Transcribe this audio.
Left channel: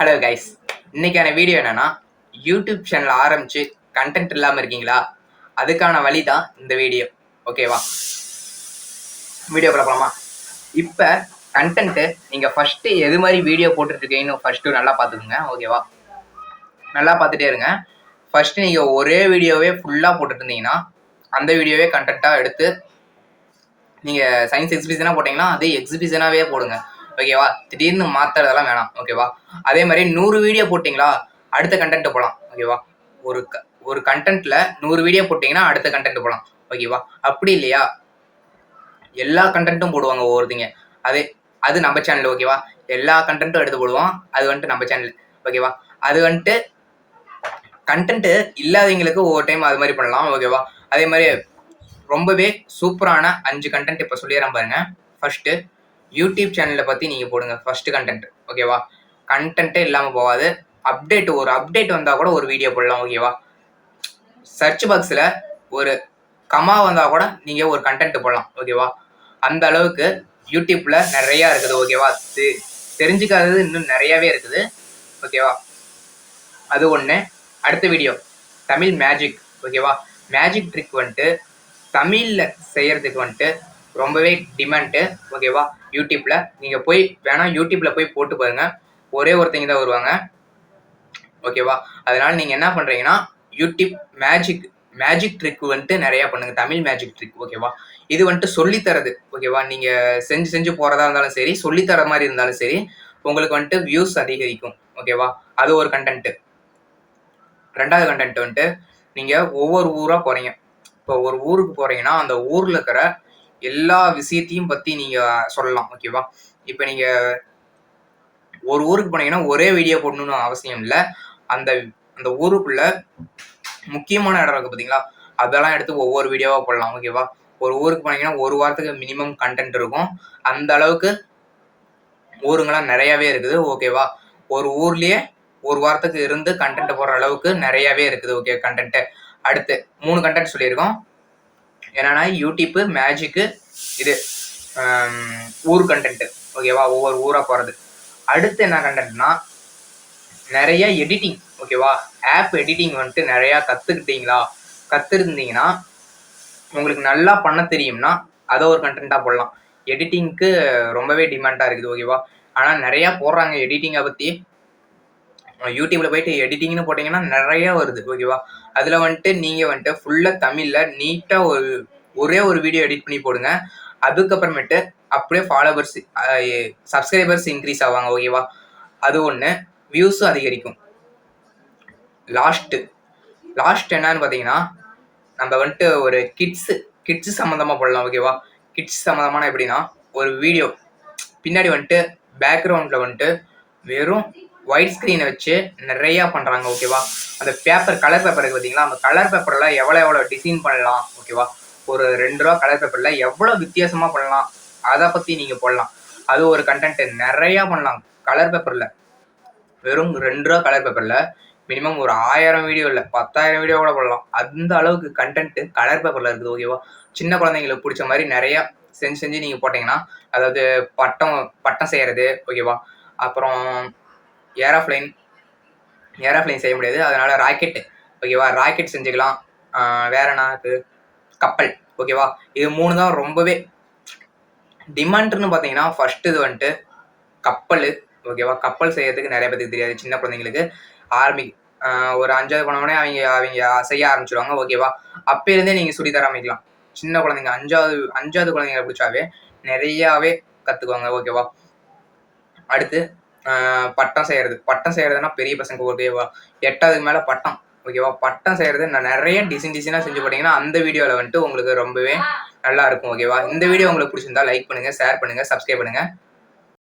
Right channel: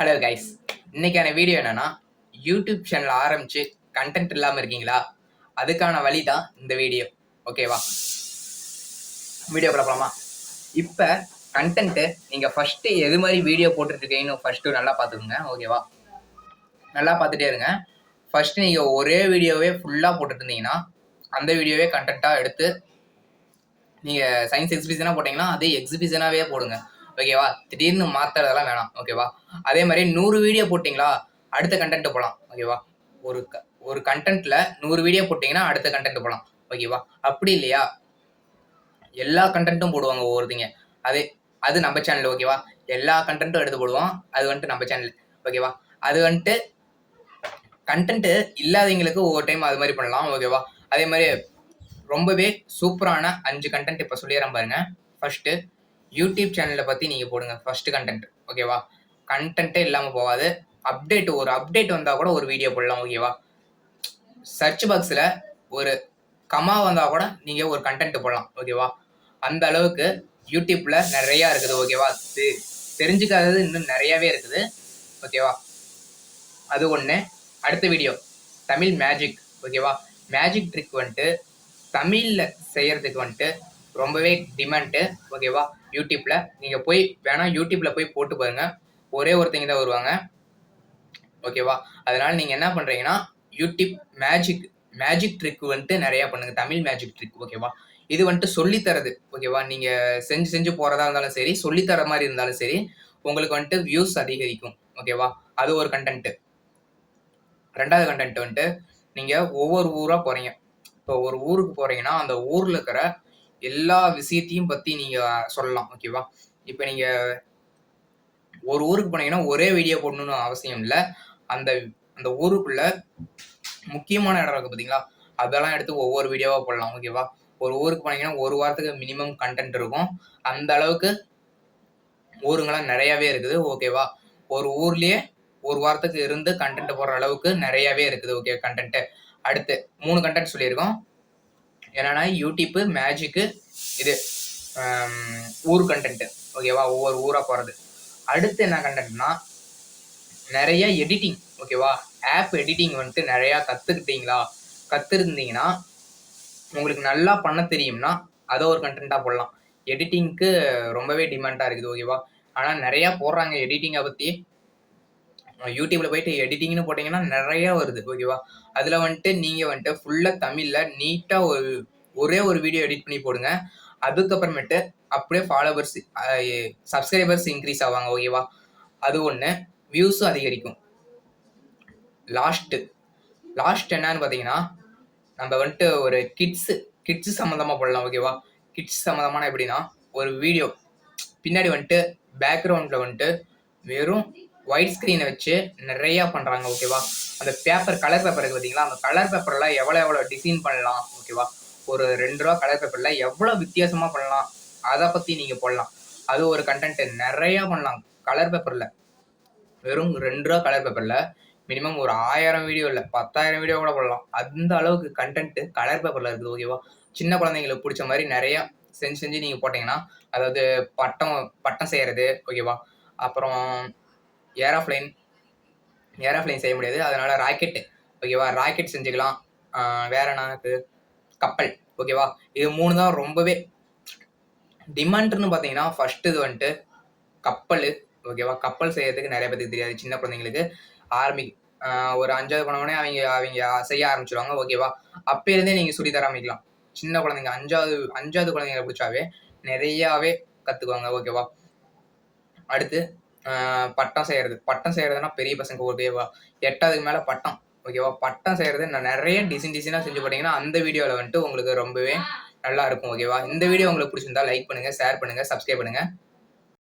Hello guys, இன்னைக்கான video என்னன்னா YouTube channel ஆரம்பிச்சு கண்டென்ட் இல்லாமல் இருக்கீங்களா? அதுக்கான வழி தான் இந்த வீடியோ. ஓகேவா, வீடியோ போகலாமா? இப்போ கண்டென்ட்டு நீங்கள் ஃபஸ்ட்டு எது மாதிரி வீடியோ போட்டுட்ருக்கீங்கன்னு ஃபஸ்ட்டு நல்லா பார்த்துக்குங்க. ஓகேவா, நல்லா பார்த்துட்டே இருங்க. ஃபஸ்ட்டு நீங்கள் ஒரே வீடியோவே ஃபுல்லாக போட்டுட்டு இருந்தீங்கன்னா அந்த வீடியோவே கண்டென்ட்டாக எடுத்து நீங்கள் சயின்ஸ் எக்ஸிபிஷனாக போட்டிங்கன்னா அதே எக்ஸிபிஷனாகவே போடுங்க. ஓகேவா, திடீர்னு மாற்றுறதெல்லாம் வேணாம். ஓகேவா, அதே மாதிரி 100 வீடியோ போட்டிங்களா அடுத்த கண்டென்ட் போகலாம். ஓகேவா, ஒரு கண்டென்ட்டில் 100 வீடியோ போட்டிங்கன்னா அடுத்த கண்டென்ட் போகலாம். ஓகேவா, அப்படி இல்லையா எல்லா கண்டென்ட்டும் போடுவாங்க ஒவ்வொருத்தங்க. அது நம்ம சேனல். ஓகேவா, எல்லா கண்டென்ட்டும் எடுத்து போடுவோம். அது வந்துட்டு நம்ம சேனல். ஓகேவா, அது வந்துட்டு கண்டென்ட் இல்லாதவங்களுக்கு ஒவ்வொரு டைம் அது மாதிரி பண்ணலாம். ஓகேவா, அதே மாதிரி ரொம்பவே சூப்பரான 5 கண்டென்ட் இப்போ சொல்லிடுறேன் பாருங்க. ஃபர்ஸ்ட் யூடியூப் சேனலை பற்றி நீங்கள் போடுங்க. First content. ஓகேவா, கண்டென்ட்டே இல்லாமல் போகாது. ஒரு அப்டேட் வந்தால் கூட ஒரு வீடியோ போடலாம். ஓகேவா, சர்ச் பாக்ஸில் ஒரு கமா வந்தால் கூட நீங்கள் ஒரு கண்டென்ட் போடலாம். ஓகேவா, அந்த அளவுக்கு யூடியூப்பில் நிறையா இருக்குது. ஓகேவா, தெரிஞ்சுக்காதது இன்னும் நிறையாவே இருக்குது. ஓகேவா, அது ஒன்று. அடுத்த வீடியோ தமிழ் மேஜிக். ஓகேவா, மேஜிக் ட்ரிக் வந்துட்டு தமிழில் செய்கிறதுக்கு வந்துட்டு ரொம்பவே டிமாண்டு. ஓகேவா, யூடியூப்பில் நீங்கள் போய் வேணால் யூடியூப்பில் போய் போட்டு பாருங்கள். ஒரே ஒருத்தங்க தான் வருவாங்க. ஓகேவா, அதனால் நீங்கள் என்ன பண்ணுறீங்கன்னா யூடியூப் மேஜிக் ட்ரிக் வந்துட்டு நிறையா பண்ணுங்கள். Tamil magic trick. ஓகேவா, இது வந்துட்டு சொல்லித்தரது. ஓகேவா, நீங்கள் செஞ்சு போகிறதா இருந்தாலும் சரி, சொல்லித்தர மாதிரி இருந்தாலும் சரி, உங்களுக்கு வந்துட்டு வியூஸ் அதிகரிக்கும். ஓகேவா, அது ஒரு கண்டென்ட்டு. ரெண்டாவது கண்டென்ட் வந்துட்டு நீங்கள் ஒவ்வொரு ஊராக போகிறீங்க. இப்போ ஒரு ஊருக்கு போகிறீங்கன்னா அந்த ஊரில் இருக்கிற எல்லா விஷயத்தையும் பற்றி நீங்கள் சொல்லலாம். ஓகேவா, இப்போ நீங்கள் ஒரு ஊருக்கு போனீங்கன்னா ஒரே வீடியோ போடணும்னு அவசியம் இல்லை. அந்த அந்த ஊருக்குள்ள முக்கியமான இடம் இருக்குது பார்த்தீங்களா, அதெல்லாம் எடுத்து ஒவ்வொரு வீடியோவாக போடலாம். ஓகேவா, ஒரு ஊருக்கு போனீங்கன்னா ஒரு வாரத்துக்கு மினிமம் கண்டென்ட் இருக்கும். அந்த அளவுக்கு ஊருங்கெல்லாம் நிறையாவே இருக்குது. ஓகேவா, ஒரு ஊர்லேயே ஒரு வாரத்துக்கு இருந்து கண்டென்ட் போடுற அளவுக்கு நிறையாவே இருக்குது. Okay, content. அடுத்து 3 கண்டென்ட் சொல்லியிருக்கோம். என்னன்னா யூடியூப்பு, மேஜிக்கு, இது ஊர் கண்டென்ட். ஓகேவா, ஒவ்வொரு ஊராக போகிறது. அடுத்து என்ன கண்டென்ட்னா நிறைய எடிட்டிங். ஓகேவா, ஆப் எடிட்டிங் வந்துட்டு நிறையா கற்றுருந்தீங்கன்னா உங்களுக்கு நல்லா பண்ண தெரியும்னா அதை ஒரு கண்டென்ட்டாக போடலாம். எடிட்டிங்க்கு ரொம்பவே டிமாண்டாக இருக்குது. ஓகேவா, ஆனால் நிறையா போடுறாங்க எடிட்டிங்கை பற்றி. யூடியூப்ல போயிட்டு எடிட்டிங்னு போட்டிங்கன்னா நிறையா வருது. ஓகேவா, அதில் வந்துட்டு நீங்கள் வந்துட்டு ஃபுல்லாக தமிழில் நீட்டாக ஒரே ஒரு வீடியோ எடிட் பண்ணி போடுங்க. அதுக்கப்புறமேட்டு அப்படியே ஃபாலோவர்ஸ், சப்ஸ்கிரைபர்ஸ் இன்க்ரீஸ் ஆவாங்க. ஓகேவா, அது ஒன்று. வியூஸும் அதிகரிக்கும். லாஸ்ட் என்னன்னு பார்த்தீங்கன்னா நம்ம வந்துட்டு ஒரு கிட்ஸு சம்மந்தமாக போடலாம். ஓகேவா, கிட்ஸ் சம்மந்தமான எப்படின்னா ஒரு வீடியோ பின்னாடி வந்துட்டு பேக்ரவுண்டில் வந்துட்டு வெறும் ஒயிட் ஸ்க்ரீனை வச்சு நிறையா பண்ணுறாங்க. ஓகேவா, அந்த கலர் பேப்பர் இருக்குது பார்த்தீங்களா, அந்த கலர் பேப்பரில் எவ்வளோ டிசைன் பண்ணலாம். ஓகேவா, ஒரு 2 ரூபா கலர் பேப்பரில் எவ்வளோ வித்தியாசமாக பண்ணலாம் அதை பற்றி நீங்கள் போடலாம். அது ஒரு கண்டென்ட். நிறையா பண்ணலாம் கலர் பேப்பரில். வெறும் 2 ரூபா கலர் பேப்பரில் மினிமம் ஒரு 1000 வீடியோ இல்லை 10,000 வீடியோ கூட போடலாம். அந்த அளவுக்கு கண்டென்ட் கலர் பேப்பரில் இருக்குது. ஓகேவா, சின்ன குழந்தைங்களுக்கு பிடிச்ச மாதிரி நிறையா செஞ்சு நீங்கள் போட்டிங்கன்னா, அதாவது பட்டம் செய்கிறது. ஓகேவா, அப்புறம் ஏரோப்ளைன் செய்ய முடியாது, அதனால ராக்கெட். ஓகேவா, ராக்கெட் செஞ்சுக்கலாம். வேற என்ன இருக்குது, கப்பல். ஓகேவா, இது 3 தான் ரொம்பவே டிமாண்ட்னு பார்த்தீங்கன்னா. ஃபர்ஸ்ட் இது வந்துட்டு கப்பல். ஓகேவா, கப்பல் செய்யறதுக்கு நிறைய பேருக்கு தெரியாது. சின்ன குழந்தைங்களுக்கு ஒரு 5வது போனவொடனே அவங்க செய்ய ஆரம்பிச்சிடுவாங்க. ஓகேவா, அப்போலேருந்தே நீங்கள் சொல்லி தர ஆரம்பிக்கலாம். சின்ன குழந்தைங்க 5வது குழந்தைங்களை பிடிச்சாவே நிறையாவே கற்றுக்குவாங்க. ஓகேவா, அடுத்து பட்டம் செய்யறதுன்னா பெரிய பசங்க. ஓகேவா, 8வது மேலே பட்டம். ஓகேவா, பட்டம் செய்யறது நான் நிறைய டிசைனாக செஞ்சு போட்டிங்கன்னா அந்த வீடியோவில் வந்துட்டு உங்களுக்கு ரொம்பவே நல்லா இருக்கும். ஓகேவா, இந்த வீடியோ உங்களுக்கு பிடிச்சிருந்தா லைக் பண்ணுங்கள், ஷேர் பண்ணுங்கள், சப்ஸ்கிரைப் பண்ணுங்கள்.